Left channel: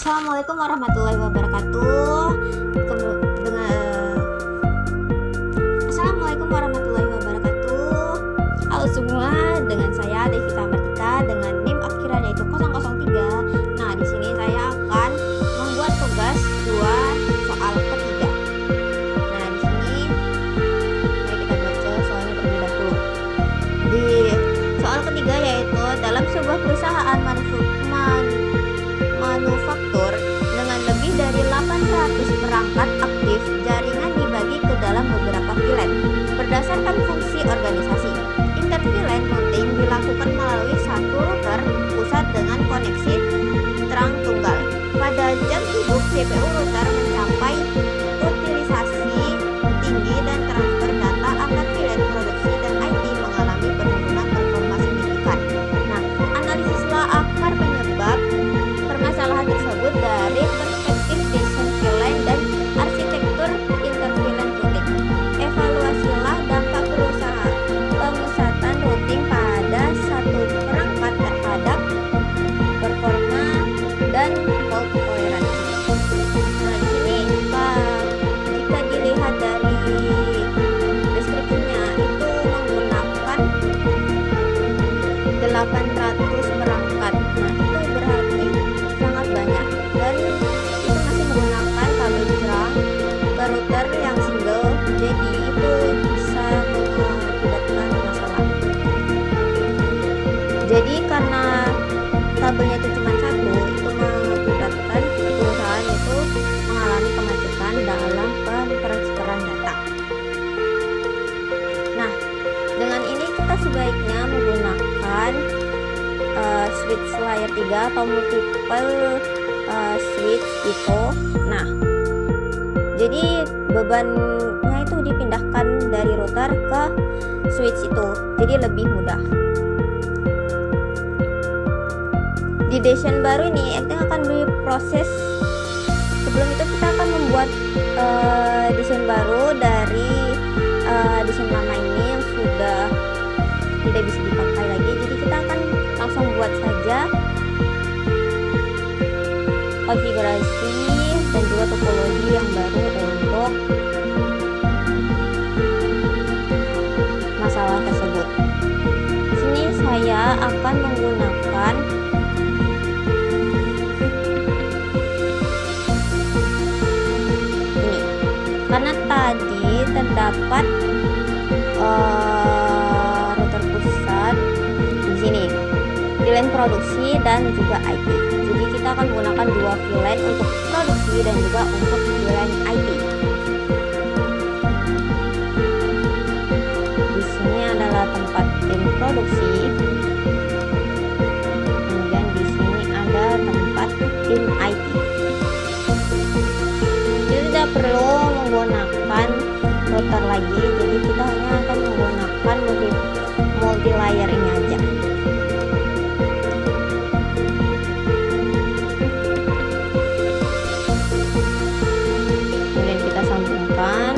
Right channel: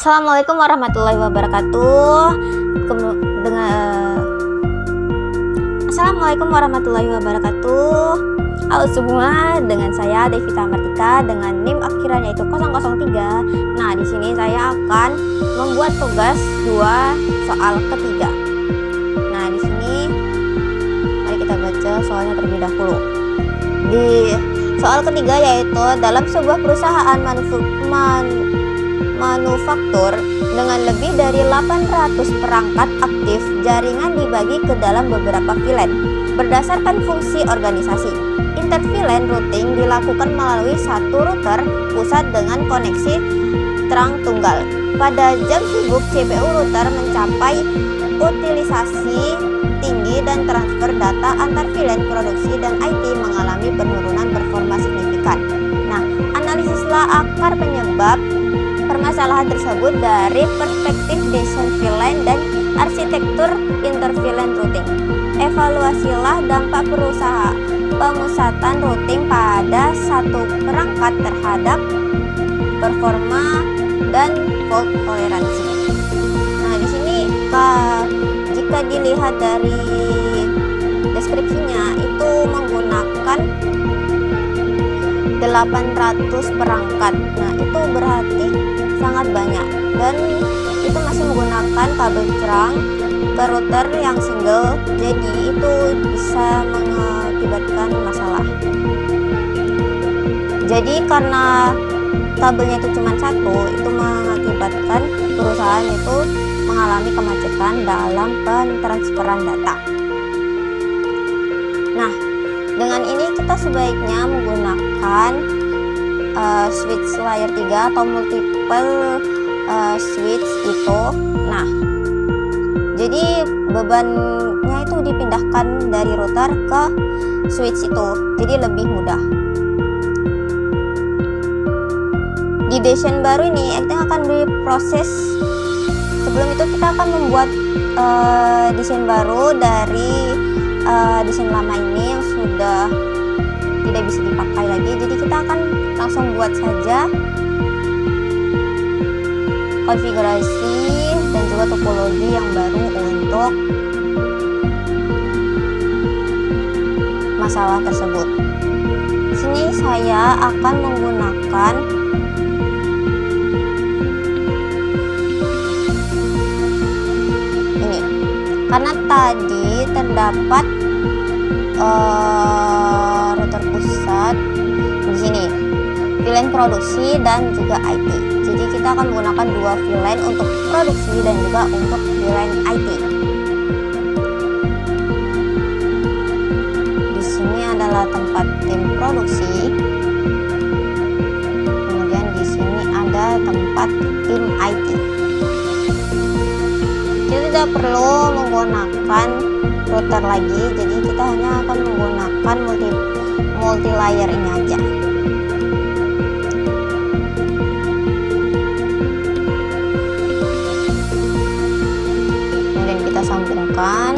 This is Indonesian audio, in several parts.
Assalamualaikum warahmatullahi wabarakatuh. Assalamualaikum warahmatullahi wabarakatuh. Halo semua, dengan saya Devita Martika dengan NIM akhiran yaitu 003. Nah, di sini saya akan membuat tugas 2 soal ketiga. Nah, di sini mari kita baca soalnya terlebih dahulu. Di soal ketiga yaitu dalam sebuah perusahaan manufaktur dengan lebih dari 800 perangkat aktif, jaringan dibagi ke dalam beberapa VLAN berdasarkan fungsi organisasi. InterVLAN routing dilakukan melalui satu router pusat dengan koneksi terang tunggal. Pada jam sibuk, CPU router mencapai utilisasi tinggi dan transfer data antar VLAN produksi dan IT mengalami penurunan performa signifikan. Nah, analisislah akar penyebab permasalahan tersebut dari perspektif desain VLAN dan arsitektur interVLAN routing. Evaluasilah dampak pemusatan routing pada satu perangkat terhadap performa dan fault toleransi. Nah, di sini jika dilihat dari deskripsinya itu menggunakan 800 perangkat. Nah, itu berarti sangat banyak dan itu masih menggunakan kabel terang ke router yang single, jadi itu bisa mengakibatkan masalah. Jadi karena kabelnya itu cuma satu, itu mengakibatkan perusahaan itu mengalami kemacetan dalam pentransferan data. Nah, dengan ini kita sebaiknya menggunakan switch layer 3 atau multiple switch itu. Nah, jadi bebannya itu dipindahkan dari router ke switch itu, jadi lebih mudah. Di desain baru ini kita akan berproses. Sebelum itu kita akan membuat desain baru dari desain lama ini yang sudah tidak bisa dipakai lagi. Jadi kita akan langsung buat saja konfigurasi dan juga topologi yang baru untuk masalah tersebut. Di sini saya akan menggunakan ini karena tadi terdapat router pusat di sini, VLAN produksi dan juga IT. Jadi kita akan menggunakan 2 VLAN untuk produksi dan juga untuk VLAN IT. Di sini adalah tempat tim produksi. Kemudian di sini ada tempat tim IT. Kita tidak perlu menggunakan router lagi, jadi kita hanya akan menggunakan multi layer ini aja. Kemudian kita sambungkan.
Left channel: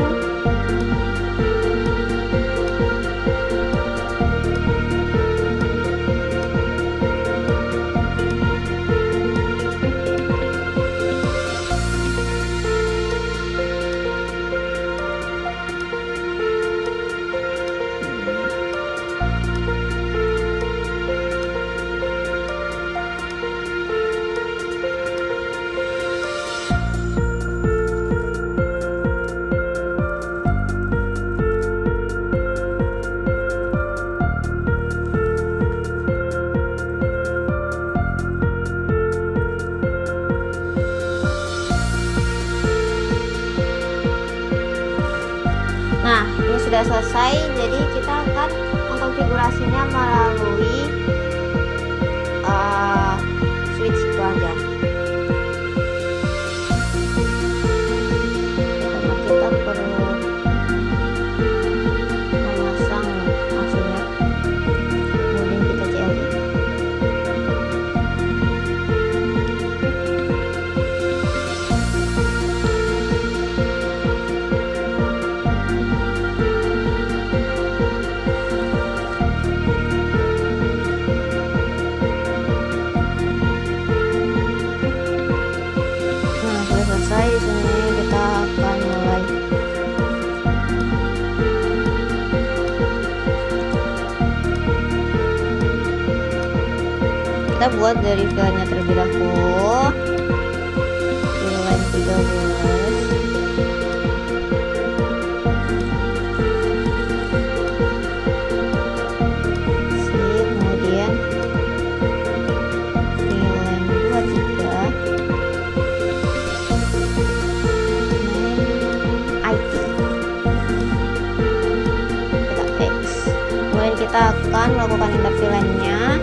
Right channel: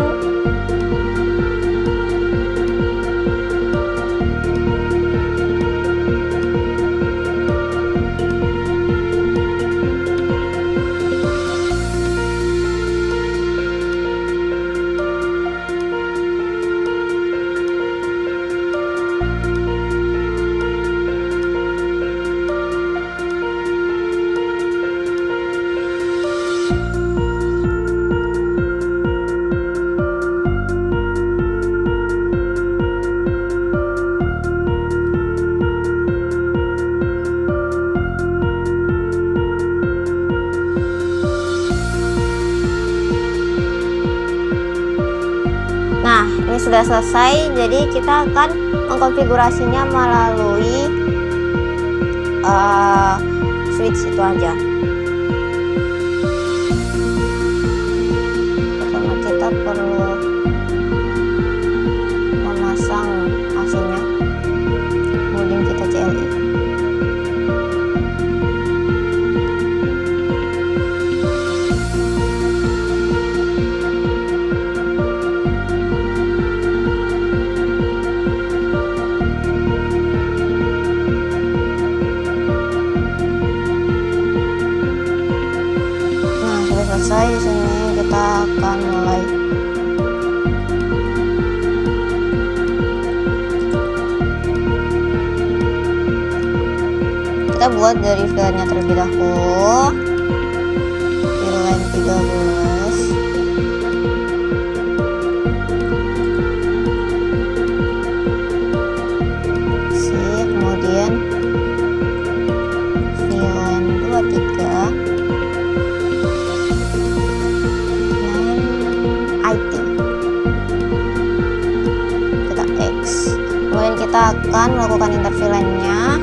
Nah, ini sudah selesai, jadi kita akan mengkonfigurasinya melalui switch itu aja. Pertama kita perlu memasang AC-nya, kemudian kita CLI. dari filenya terlebih dahulu. Villain 13. Kemudian villain 23. IT. Kita X. Kemudian kita akan melakukan intervillainnya.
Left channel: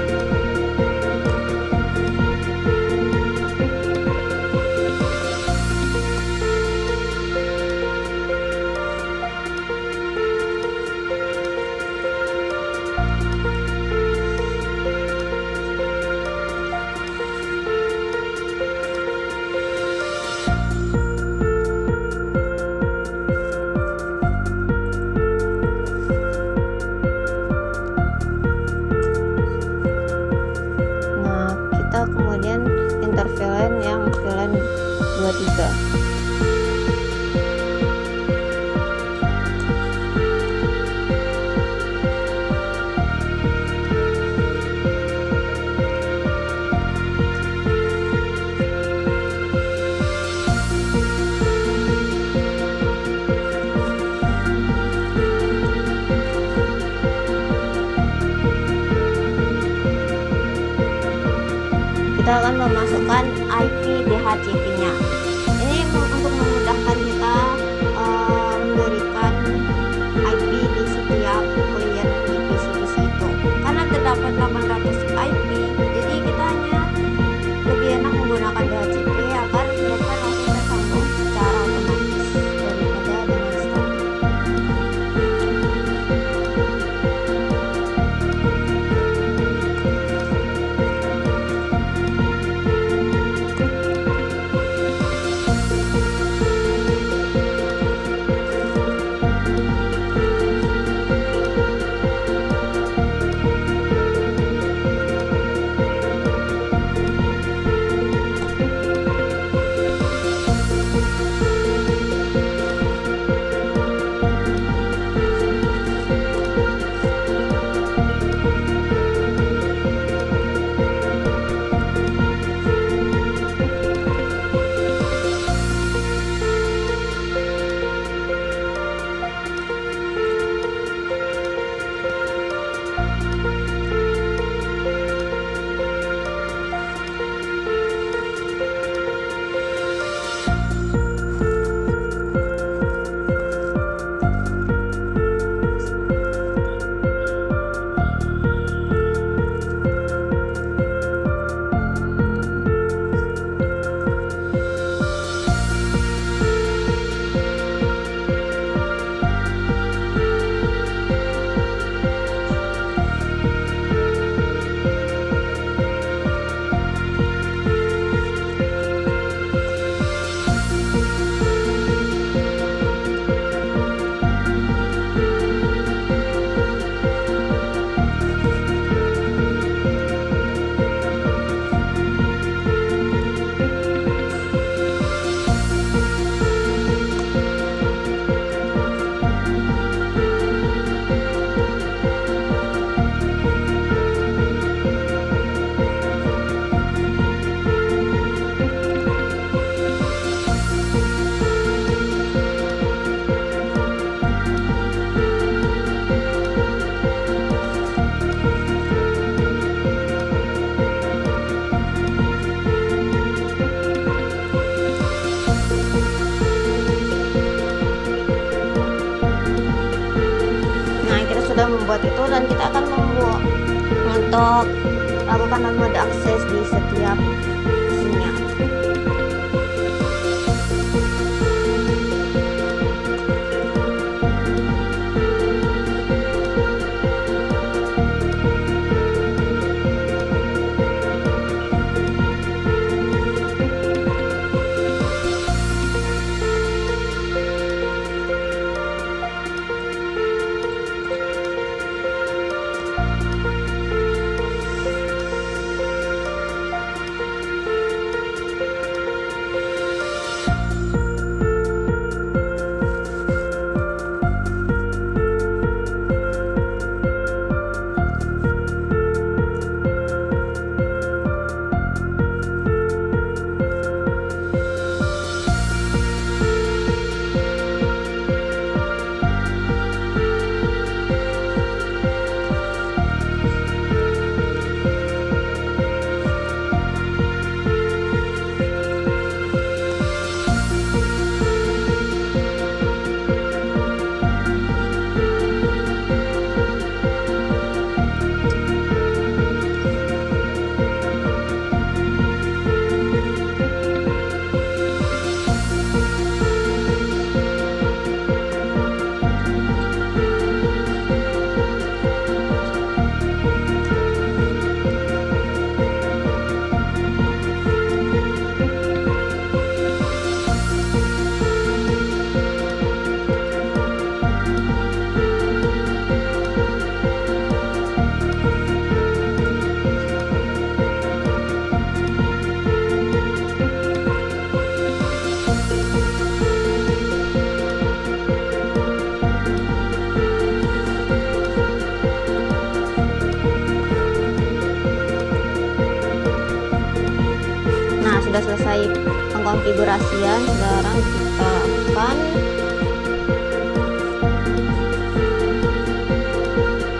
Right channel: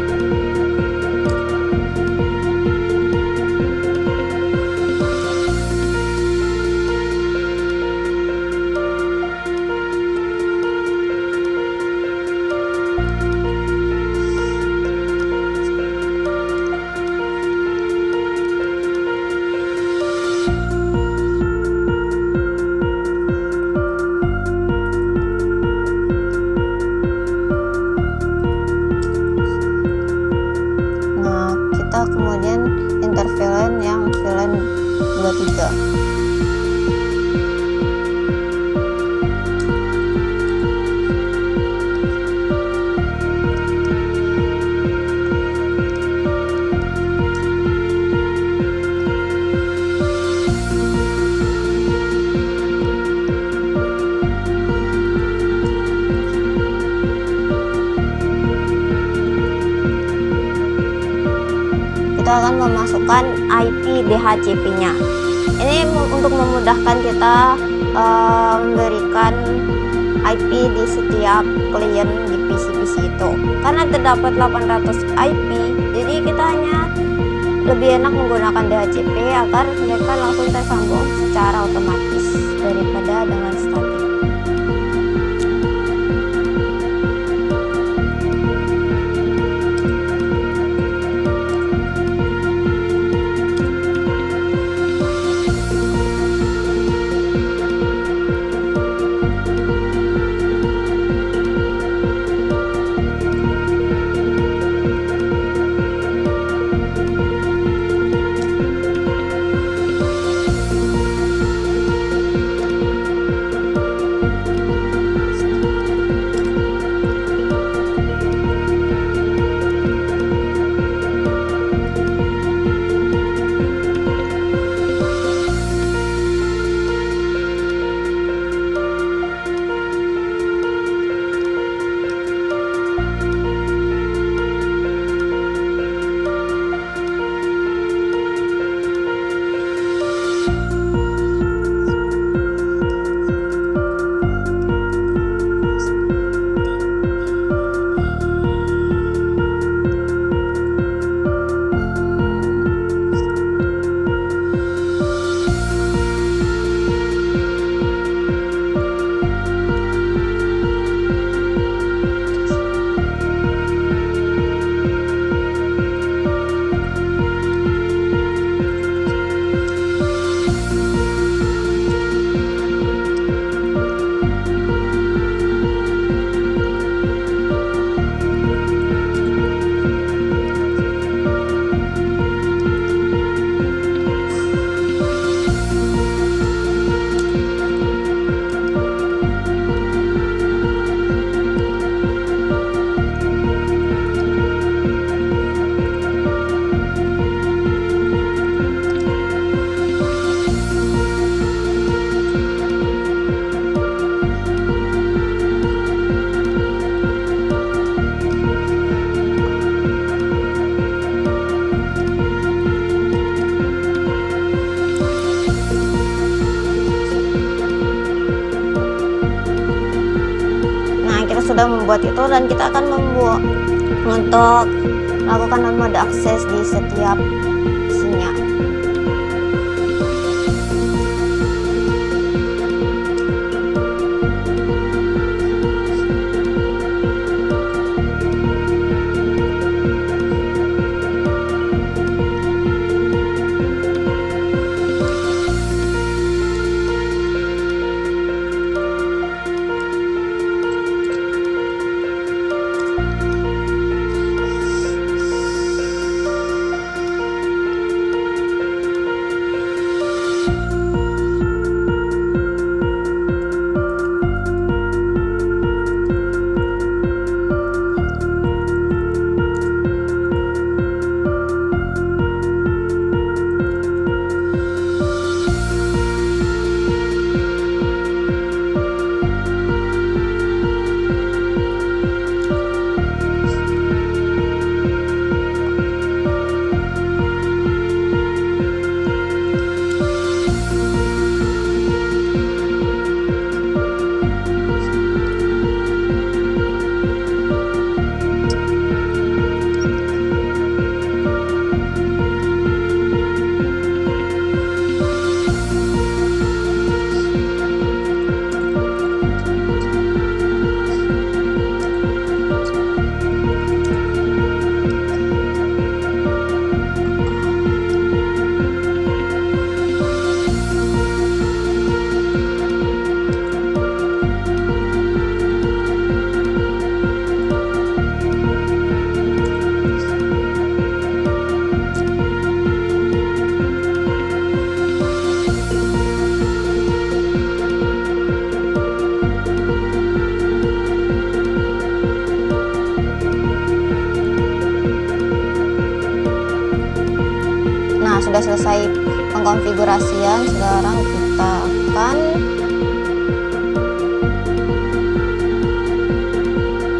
Akan memasukkan IP DHCP-nya. Ini untuk memudahkan kita memberikan IP di setiap klien di PC-PC itu. Karena terdapat 800 IP, jadi kita hanya lebih enak menggunakan DHCP agar mereka langsung tersambung secara otomatis daripada dengan static. Membuat itu, dan kita akan membuat untuk melakukan mode akses di setiap isinya. sudah selesai pengkonfigurasian, sekarang kita akan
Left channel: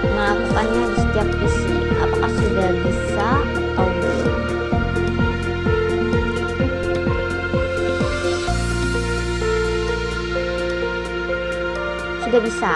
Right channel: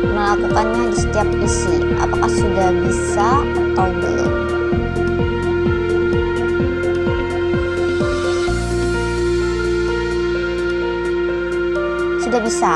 melakukannya di setiap PC. Apakah sudah bisa atau belum? Sudah bisa.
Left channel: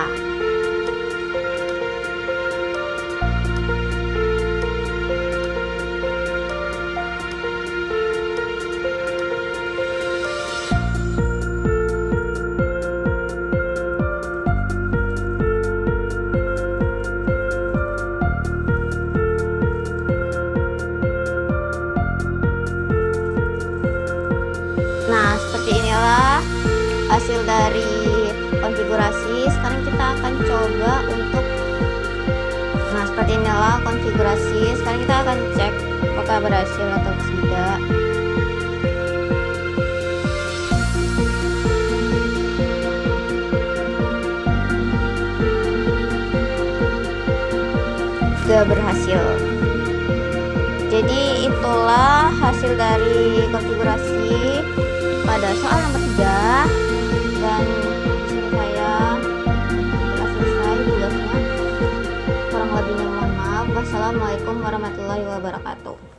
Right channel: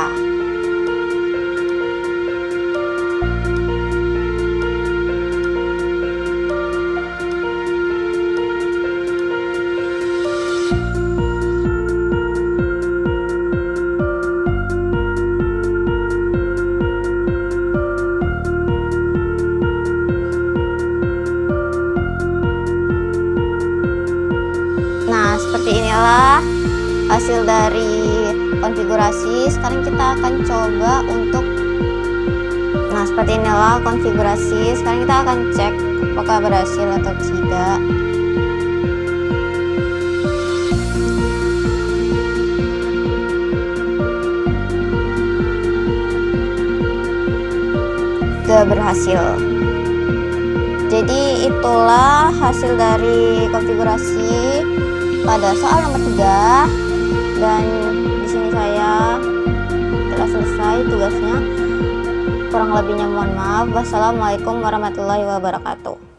Nah, seperti inilah hasil dari konfigurasi. Sekarang kita akan coba untuk seperti inilah konfigurasi. Sekarang kita akan cek apakah berhasil atau tidak. Sudah berhasil. Jadi itulah hasil dari konfigurasi pada soal nomor 3, dan di sini saya telah selesai tugasnya. Kurang lebihnya mohon maaf. Wassalamualaikum warahmatullahi wabarakatuh.